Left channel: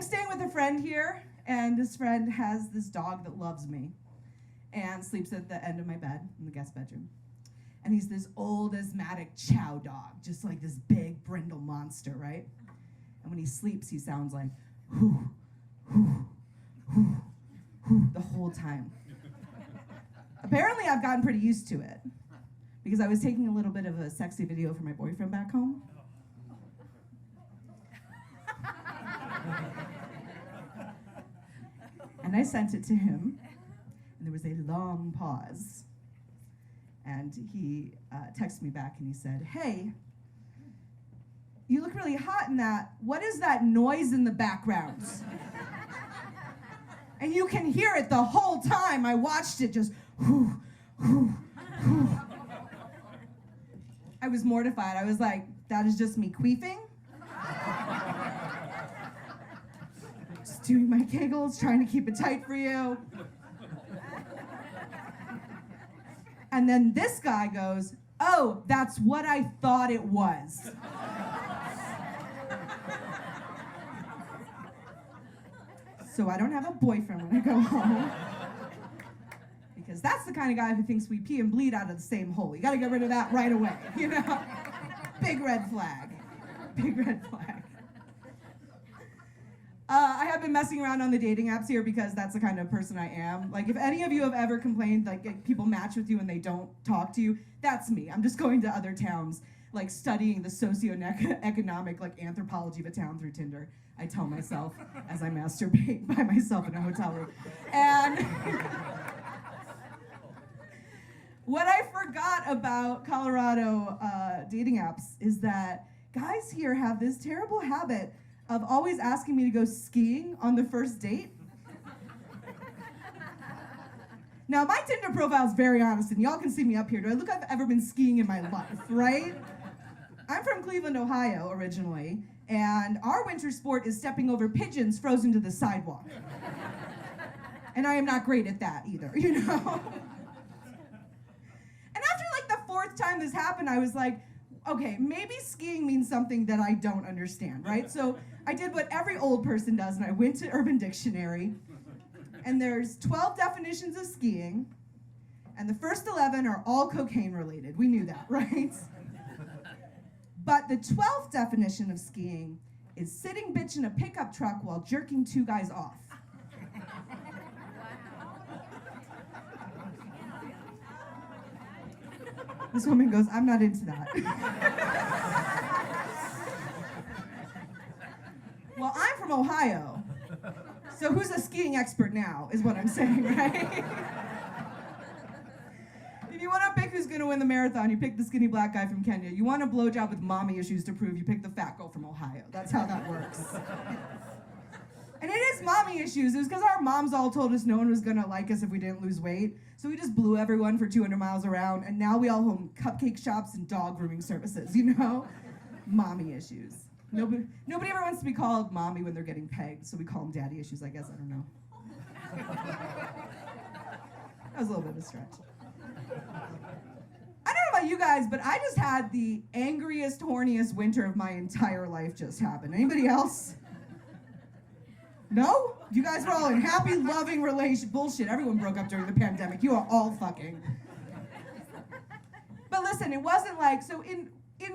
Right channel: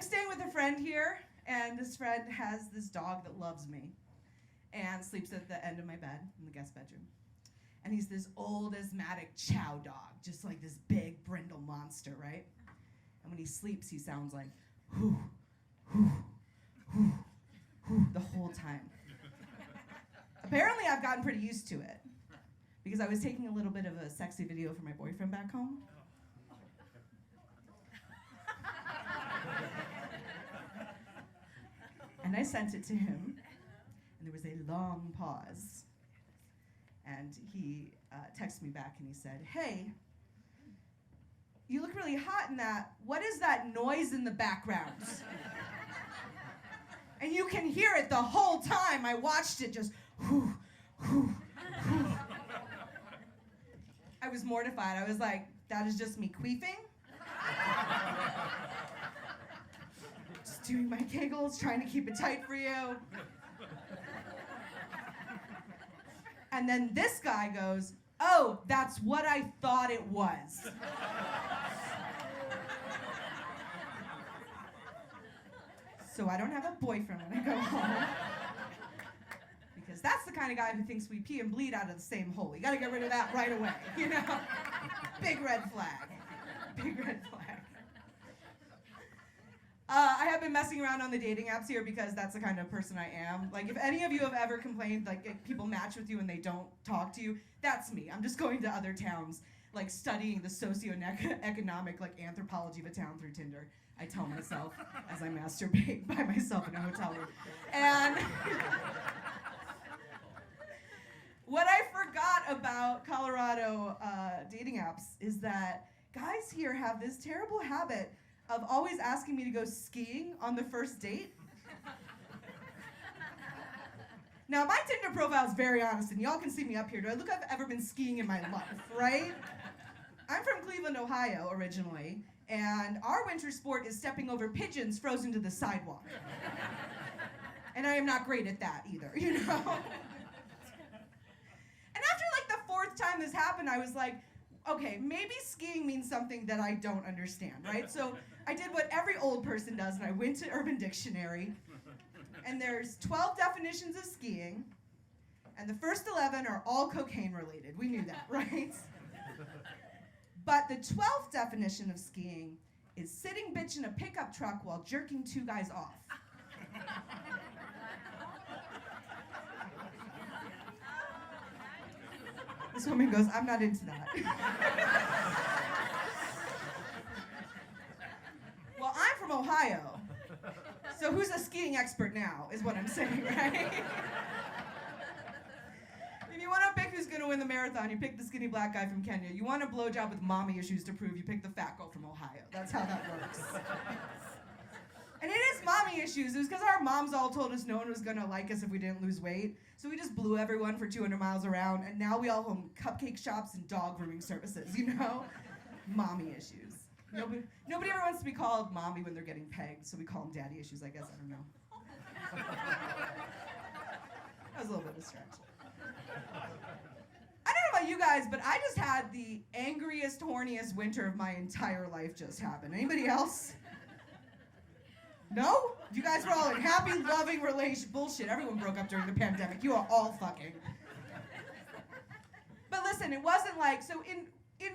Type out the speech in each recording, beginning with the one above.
I'm staying with a friend here, and this friend has this dog that loves me and sleeps at the end of my bed in the guest bedroom. And he's this old asthmatic chow dog, just like this big brindle monster, right? And when he sleeps, he sounds like, whoo, whoo, whoo, whoo, the whole time. Apparently, I've gotten pretty used to it because I was taking a little bit of a sexy video for my boyfriend back home. And I sent it to him, and there was a long pause. And he texted me back and he said, "Hey, you look really hot in that. What is that noise in the background?" And you can hear it the whole time. I watched it just, whoo, whoo, whoo. I was mortified. I was like, that is just me queefing. Just doing my kegels, trying to keep it tight for you. And then this guy goes, "Oh, that's what I thought it was." So I don't have a boyfriend when I go home. Because that's the kind of guy who thinks we pee and bleed out of the same hole. You gotta get rid of that right away, you know? Big red flag. Big red flag. I have been messing around on the dating apps here because that's the kind of person I am. Like, if any of you have ever complained, like, people match with you and they don't talk to you, that's me. I'm just going to other towns, like, studying the socioeconomic, like, anthropology of a town through Tinder. I tell myself as I masturbate by myself in a hotel room. And what I forgot about Colorado dating apps is that guys here have this terrible habit of always asking me to go skiing on the first date. Now, my Tinder profile is very honest, and y'all can see me up here. Do I look like I've ever been skiing in my life, right? I'm from Cleveland, Ohio, originally, and our winter sport is stepping over pigeons frozen to the sidewalk. And I am not great at that either, you know? And after like the fourth time this happened, I was like, okay, maybe skiing means something that I don't understand, right? So I did what every old person does, and I went to Urban Dictionary, and there's 12 definitions of skiing, and the first 11 are all cocaine related. We knew that, right? But the 12th definition of skiing is sitting bitch in a pickup truck while jerking two guys off. This woman goes, "I'm not into that." Well, I'm from Ohio, so who's a skiing expert now, is what I'm saying, right? If you want to pick who's going to win the marathon, you pick the skinny black guy from Kenya. You want a blowjob with mommy issues to prove, you pick the fat girl from Ohio. That's how that works. And it is mommy issues. It was because our moms all told us no one was going to like us if we didn't lose weight. So we just blew everyone for 200 miles around, and now we all own cupcake shops and dog grooming services, you know? Mommy issues. Nobody ever wants to be called mommy when they're getting pegged, so we call them daddy issues, I guess. I don't know. That was a little bit of a stretch. I don't know about you guys, but I just had the angriest, horniest winter of my entire life just happen. Anybody else? No? You guys were all in happy, loving bullshit. Everyone broke up during the pandemic. You are all fucking. But listen, it wasn't like, so in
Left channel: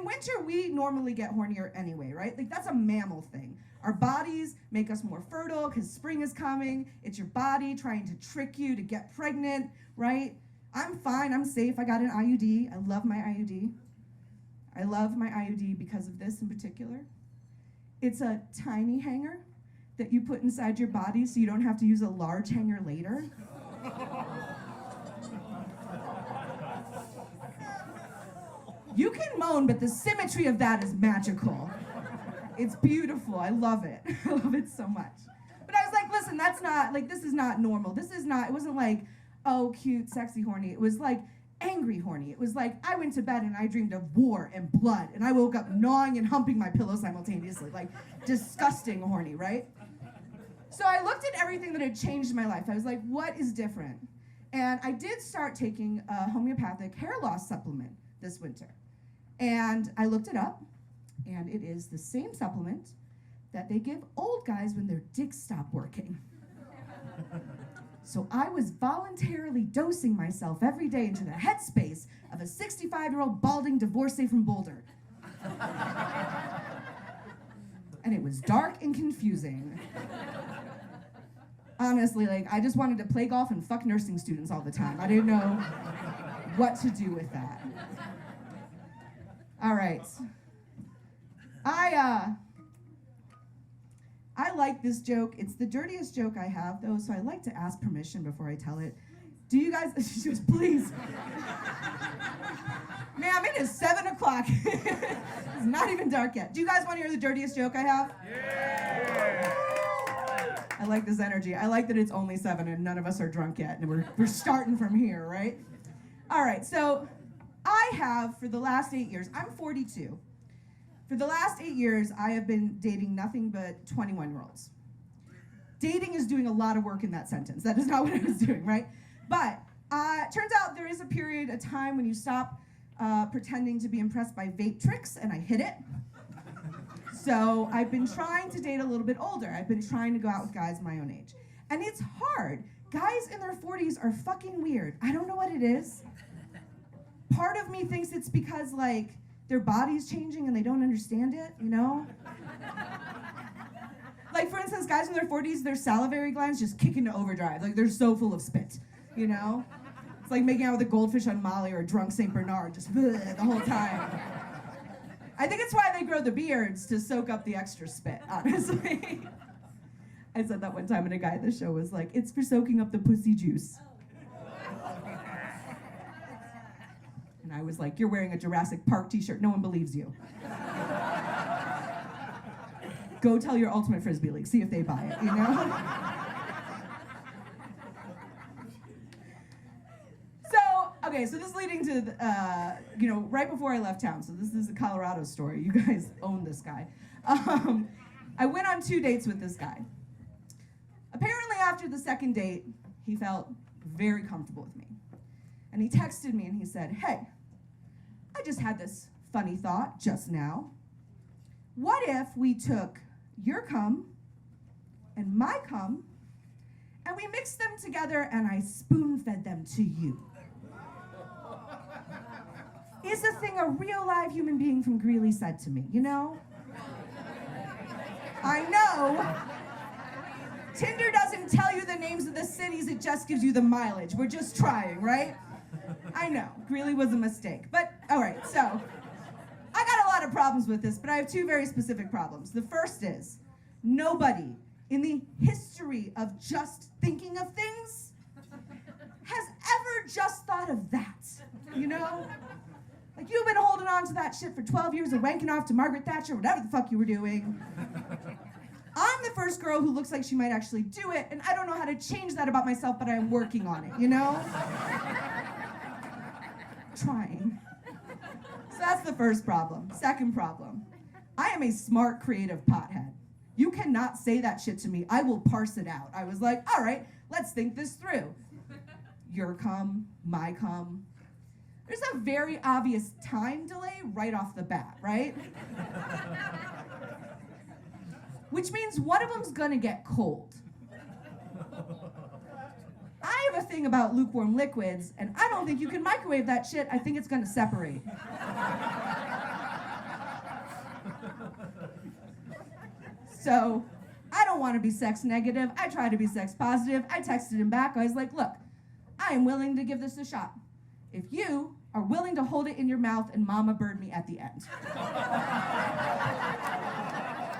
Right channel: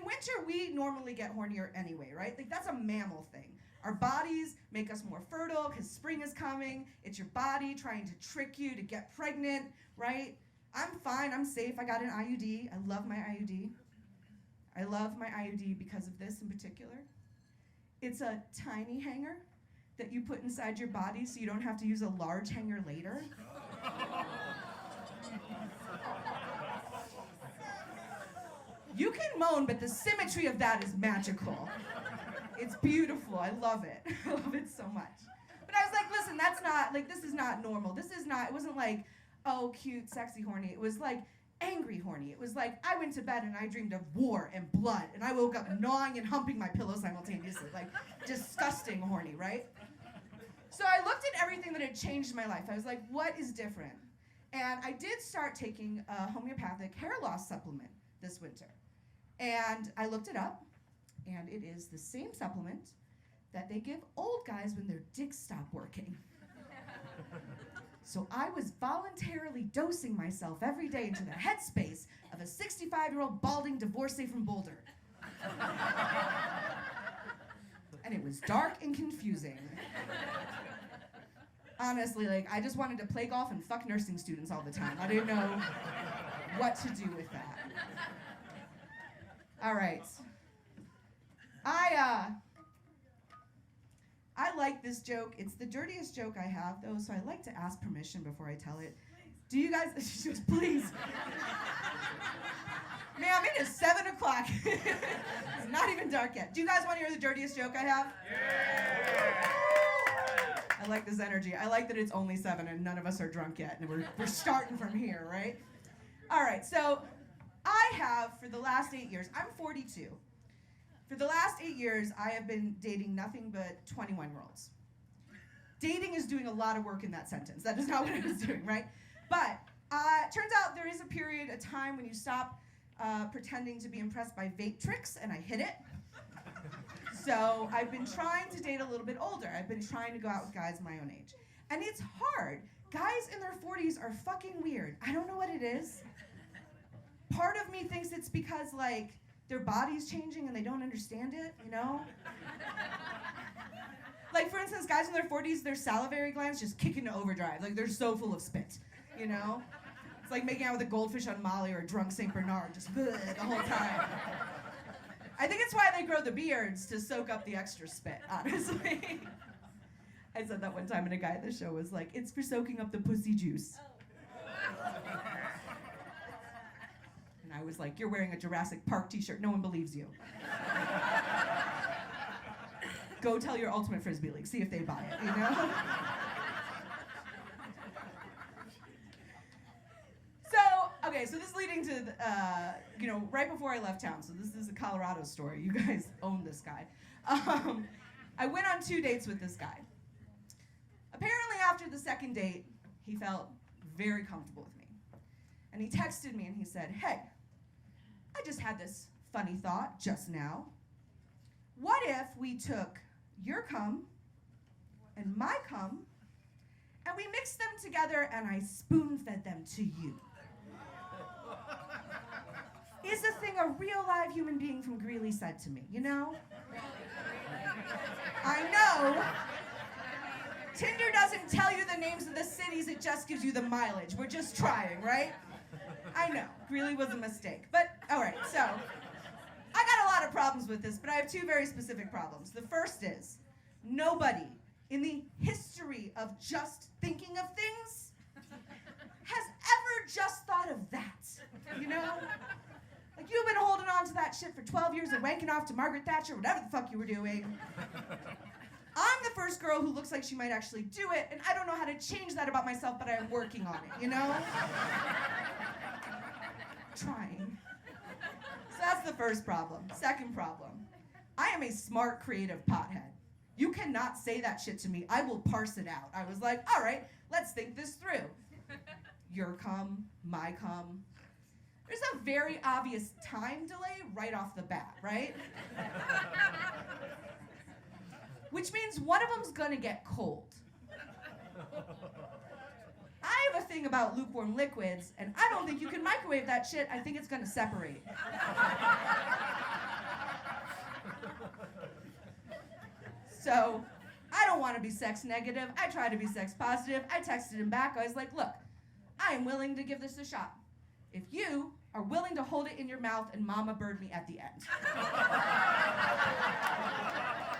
winter, we normally get hornier anyway, right? Like, that's a mammal thing. Our bodies make us more fertile because spring is coming. It's your body trying to trick you to get pregnant, right? I'm fine, I'm safe. I got an IUD. I love my IUD. I love my IUD because of this in particular. It's a tiny hanger that you put inside your body so you don't have to use a large hanger later. You can moan, but the symmetry of that is magical. It's beautiful. I love it. I love it so much. But I was like, listen, that's not, like, this is not normal. This is not, it wasn't like, oh, cute, sexy, horny. It was like angry horny. It was like I went to bed and I dreamed of war and blood, and I woke up gnawing and humping my pillow simultaneously. Like, disgusting horny, right? So I looked at everything that had changed my life. I was like, what is different? And I did start taking a homeopathic hair loss supplement this winter. And I looked it up, and it is the same supplement that they give old guys when their dicks stop working. So I was voluntarily dosing myself every day into the headspace of a 65-year-old balding divorcee from Boulder. And it was dark and confusing. Honestly, like, I just wanted to play golf and fuck nursing students all the time. I didn't know what to do with that. All right. I like this joke. It's the dirtiest joke I have, though, so I like to ask permission before I tell it. Do you guys, she goes, please. Ma'am, it is 7 o'clock. It's not even dark yet. Do you guys want to hear the dirtiest joke I have? Yeah. I like this energy. I like that it's only 7 and none of us are drunk yet, and we're starting from here, right? All right, so I have, for the last 8 years, I'm 42. For the last 8 years, I have been dating nothing but 21-year-olds. Dating is doing a lot of work in that sentence. That is not what I was doing, right? But turns out there is a period, a time when you stop pretending to be impressed by vape tricks, and I hit it. So I've been trying to date a little bit older. I've been trying to go out with guys my own age. And it's hard. Guys in their 40s are fucking weird. I don't know what it is. Part of me thinks it's because, like, their body's changing and they don't understand it, you know? Like, for instance, guys in their 40s, their salivary glands just kick into overdrive. Like, they're so full of spit, you know? It's like making out with a goldfish on Molly or a drunk St. Bernard, just the whole time. I think it's why they grow the beards, to soak up the extra spit, honestly. I said that one time, and a guy at the show was like, it's for soaking up the pussy juice. And I was like, you're wearing a Jurassic Park t-shirt. No one believes you. Go tell your Ultimate Frisbee League. See if they buy it, you know? Okay, so this is leading to, right before I left town. So this is a Colorado story. You guys own this guy. I went on 2 dates with this guy. Apparently after the second date, he felt very comfortable with me. And he texted me and he said, hey, I just had this funny thought just now. What if we took your cum and my cum and we mixed them together and I spoon-fed them to you? Is a thing a real live human being from Greeley said to me, you know? I know. Tinder doesn't tell you the names of the cities, it just gives you the mileage. We're just trying, right? I know, Greeley was a mistake. But, all right, so, I got a lot of problems with this, but I have 2 very specific problems. The first is, nobody in the history of just thinking of things has ever just thought of that, you know? Like, you've been holding on to that shit for 12 years and wanking off to Margaret Thatcher, whatever the fuck you were doing. I'm the first girl who looks like she might actually do it, and I don't know how to change that about myself, but I am working on it, you know? Trying. So that's the first problem. Second problem, I am a smart, creative pothead. You cannot say that shit to me. I will parse it out. I was like, all right, let's think this through. Your cum, my cum. There's a very obvious time delay right off the bat, right? Which means one of them's gonna get cold. I have a thing about lukewarm liquids, and I don't think you can microwave that shit. I think it's gonna separate. So, I don't wanna be sex negative. I try to be sex positive. I texted him back. I was like, look, I am willing to give this a shot if you are willing to hold it in your mouth and mama bird me at the end.